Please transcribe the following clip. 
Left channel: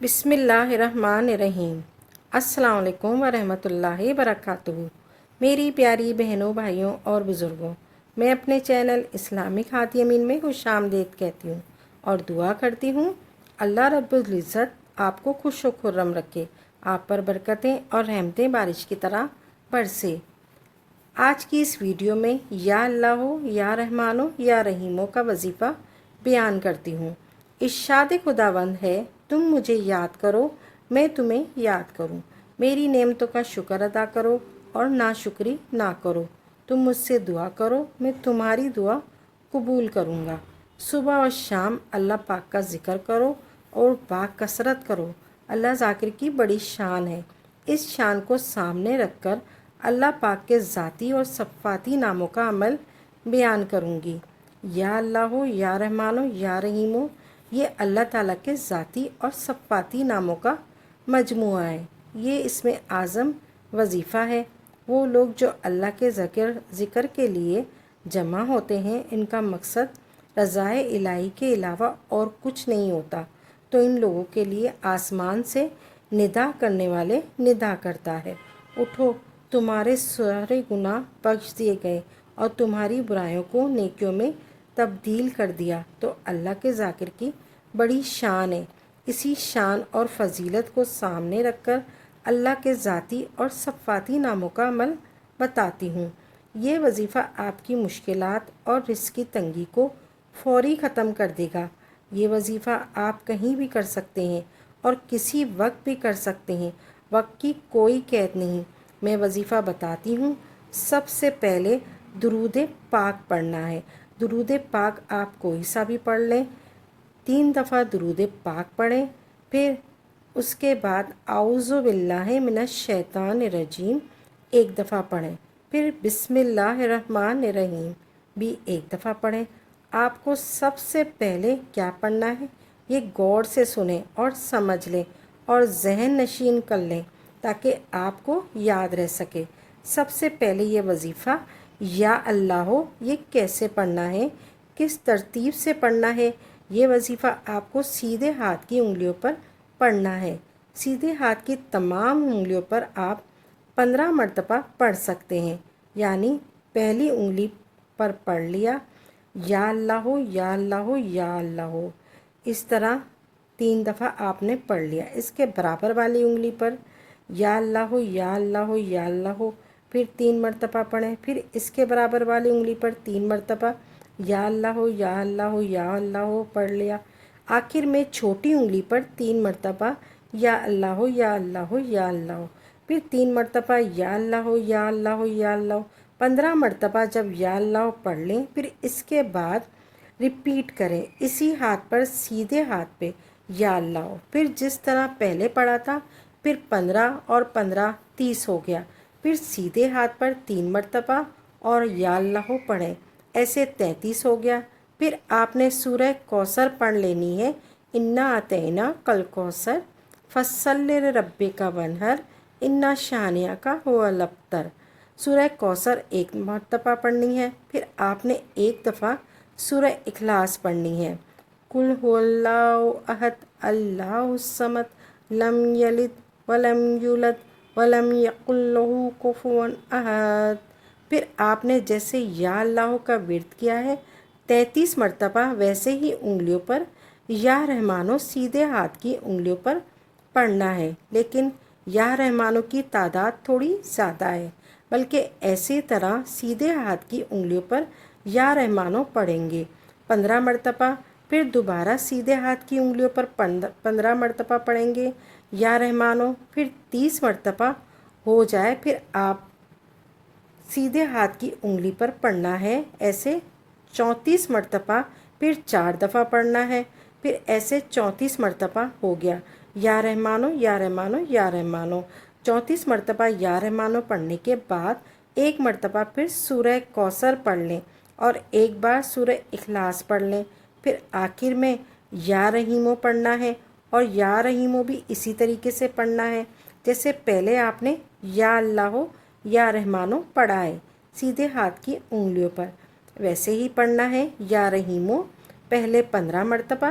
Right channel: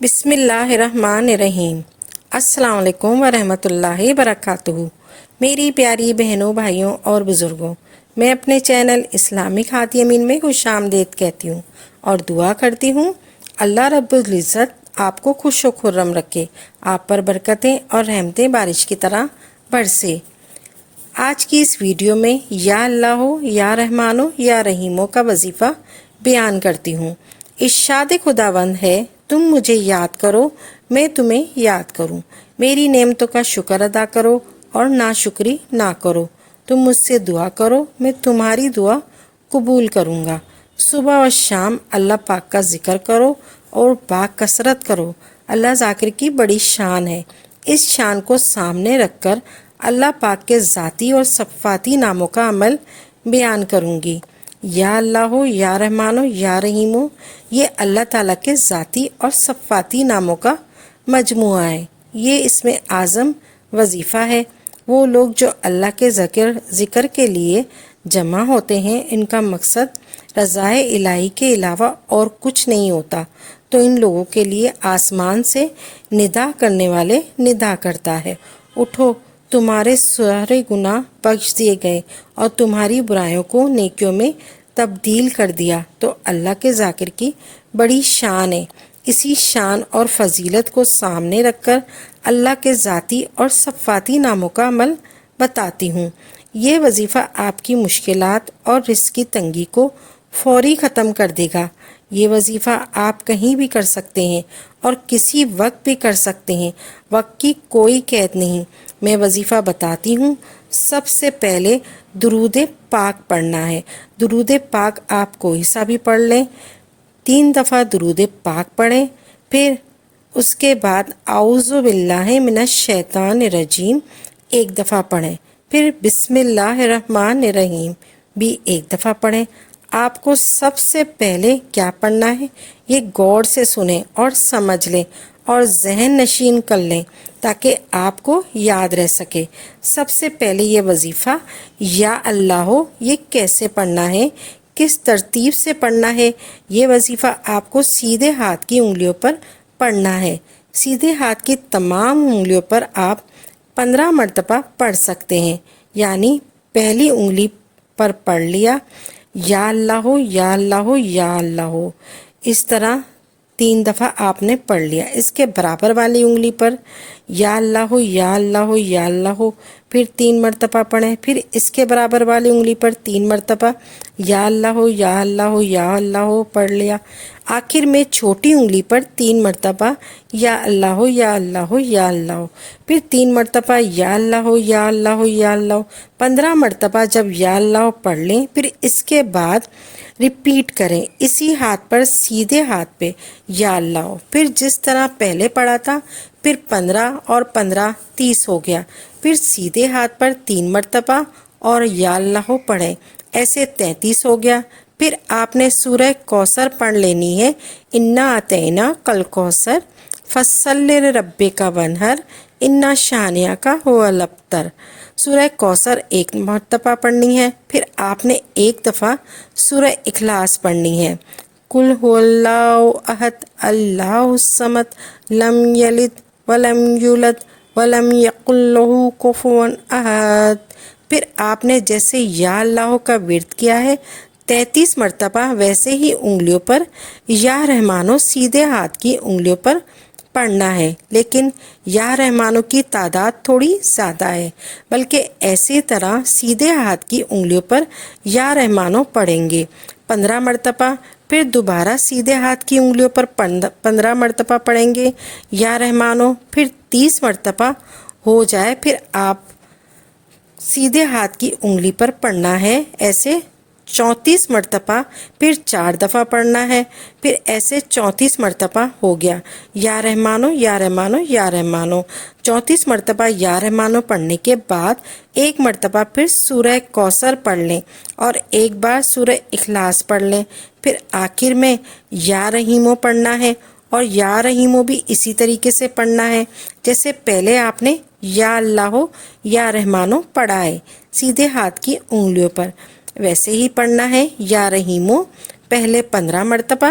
بسم اللہ الرحمن الرحیم۔ السلام علیکم ورحمۃ اللہ وبرکاتہ۔ میری پیاری بہنوں، بھائیوں اور بزرگوں، میں اپنے چینل اسلامک ہادی امین میں خوش آمدید کہتی ہوں اور دعا کرتی ہوں اللہ رب العزت آپ کو خوش و خرم رکھے، آپ پر برکتیں اور رحمتیں بارش کی طرح برسے۔ آج کی اس ویڈیو میں یا اللہ ہو یا رحمان ہو یا رحیموں کا وظیفہ بیان کرتی ہوں۔ ارشاد خداوند ہے، تم مجھے یاد کرو میں تمہیں یاد کروں، میری نعمتوں کا شکر ادا کرو اور ناشکری نہ کرو، تم مجھ سے دعا کرو میں تمہاری دعا قبول کروں گا۔ صبح و شام اللہ پاک کا ذکر کرو اور با کثرت کرو۔ اللہ ذاکر کی بڑی شان ہے، اس شان کو سامنے رکھ کر اللہ پاک کے ذاتی اور صفاتی ناموں کا عمل بیان کروں گی۔ یا اللہ ہو یا رحمان ہو یا رحیم ہو، یہ اللہ تعالیٰ کے ذاتی اور صفاتی ناموں کا مجموعہ ہے۔ یہ اسم اعظم وظیفہ ہے۔ وہ لوگ جو اللہ کے ذکر کے لیے جمع ہوتے ہیں، ان کا مقصد رضائے الہی کے علاوہ اور کچھ نہیں ہوتا، تو ان لوگوں کے لیے آسمان سے ندا کرنے والے ندا کرتا ہے، اٹھو تمہارے سارے گناہ بخش دیے گئے اور تمہاری برائیوں کو نیکیوں میں تبدیل کر دیا۔ تو اللہ کے ذاکر کی بڑی شان ہے۔ اسی شان اور فضیلت کو سامنے رکھ کر اللہ کے ذاتی اور صفاتی ناموں کا عمل بتاتی ہوں۔ یہ وظیفہ آپ کی مشکلات اور رزق کی تنگی کو فوری ختم کر دے گا۔ یہ وظیفہ آپ کہیں بھی کر سکتے ہیں اور کسی وقت بھی کر سکتے ہیں، وقت کی کوئی قید نہیں۔ میں وظیفہ بتاتی ہوں۔ سب سے پہلے درود پاک پڑھنا ہے۔ درود پاک آپ کوئی سا بھی پڑھ لیں، 3 دفعہ درود پاک پڑھیں، پھر اس کے بعد اعوذ باللہ من الشیطان الرجیم 1 دفعہ پڑھیں، پھر بسم اللہ الرحمن الرحیم بھی 1 دفعہ پڑھیں۔ آپ کو سب سے پہلے کیا پڑھنا ہے یہ غور سے سنیں اور سمجھ لیں اور ذہن نشین کر لیں تاکہ آپ کو یاد رہ سکے۔ سب سے پہلے یہ وظیفہ یا اللہ ہو یہ کیسے پڑھنا ہے، کس ترتیب سے پڑھنا ہے۔ یہ وظیفہ آپ کو سیدھے ہاتھ کی انگلیوں پر پڑھنا ہے۔ سیدھے ہاتھ کی تمام انگلیوں پر آپ 15 مرتبہ پڑھ سکتے ہیں، یعنی پہلی انگلی پر پڑھ لیا یا اللہ ہو یا اللہ ہو یا اللہ ہو، اس طرح 3 دفعہ آپ نے پڑھ لیا۔ اس کے برابر والی انگلی پر یا اللہ ہو یا اللہ ہو یا اللہ ہو، پھر 3 مرتبہ پڑھیں، پھر اس کے برابر والی انگلی پر 3 مرتبہ یا اللہ ہو یا اللہ ہو یا اللہ ہو پڑھ لیا۔ آخر میں چھوٹی انگلی پر 3 مرتبہ یا اللہ ہو یا اللہ ہو یا اللہ ہو، پھر 3 مرتبہ یا اللہ ہو یا اللہ ہو یا اللہ ہو۔ 15 مرتبہ جب یا اللہ ہو پڑھ لیں، پھر اس کے بعد ریپیٹ کریں اسی ہاتھ پر سیدھے ہاتھ پہ یا اللہ ہو، پھر جس طرح پہلے پڑھا تھا، پھر 15 اور 15 30 ہو گیا، پھر سیدھے ہاتھ پر 3 مرتبہ اور یا اللہ ہو پڑھیں، ایسے 33 ہو گیا۔ پھر آپ نے سورہ کوثر پڑھ لینی ہے، انا اعطینا کل کوثر فصلی لربک وانحر ان شانئک هو الابتر۔ سورہ کوثر 1 مرتبہ پڑھنی ہے، پھر آپ نے 1 دفعہ سورہ اخلاص پڑھنی ہے، قل هو اللہ احد اللہ الصمد لم یلد ولم یولد ولم یکن لہ کفوا احد۔ پھر آپ نے جیسے یا اللہ کا ورد کیا ہے 33 مرتبہ، ویسے ہی انگلیوں پر یا رحمانو سیدھے ہاتھ کی انگلیوں پر پڑھنا ہے، لیکن یا رحمانو کی تعداد تھوڑی زیادہ ہے، بلکہ اسی طرح سیدھے ہاتھ کی انگلیوں پر یا رحمانو پڑھیں گے 15 مرتبہ، پھر دوبارہ سیدھے ہاتھ کی انگلیوں پر 15 مرتبہ پڑھیں گے یا رحمانو، پھر 30 مرتبہ ہو جائے پھر آپ سیدھے ہاتھ کی انگلی پر پڑھنا ہے، ایسے 34 مرتبہ، پھر 4 دفعہ پڑھنا ہے، پھر ایسے 34 مرتبہ ہو گیا یا رحمانو یا رحمانو یا رحمانو۔ 34 مرتبہ یا رحمانو پڑھنے کے بعد 1 مرتبہ پھر سورہ کوثر پڑھ لیں اور 1 بار سورہ اخلاص پڑھ لیں، پھر آخر میں یا رحیمو پڑھنا ہے اور یا رحیمو بھی اسی طریقے سے پڑھنا ہے جیسے پہلے آپ نے یا اللہ ہو یا رحمانو پڑھا ہے سیدھے ہاتھ کی انگلیوں پر، ویسے ہی پڑھنا ہے یا رحیمو، پہلے 15 مرتبہ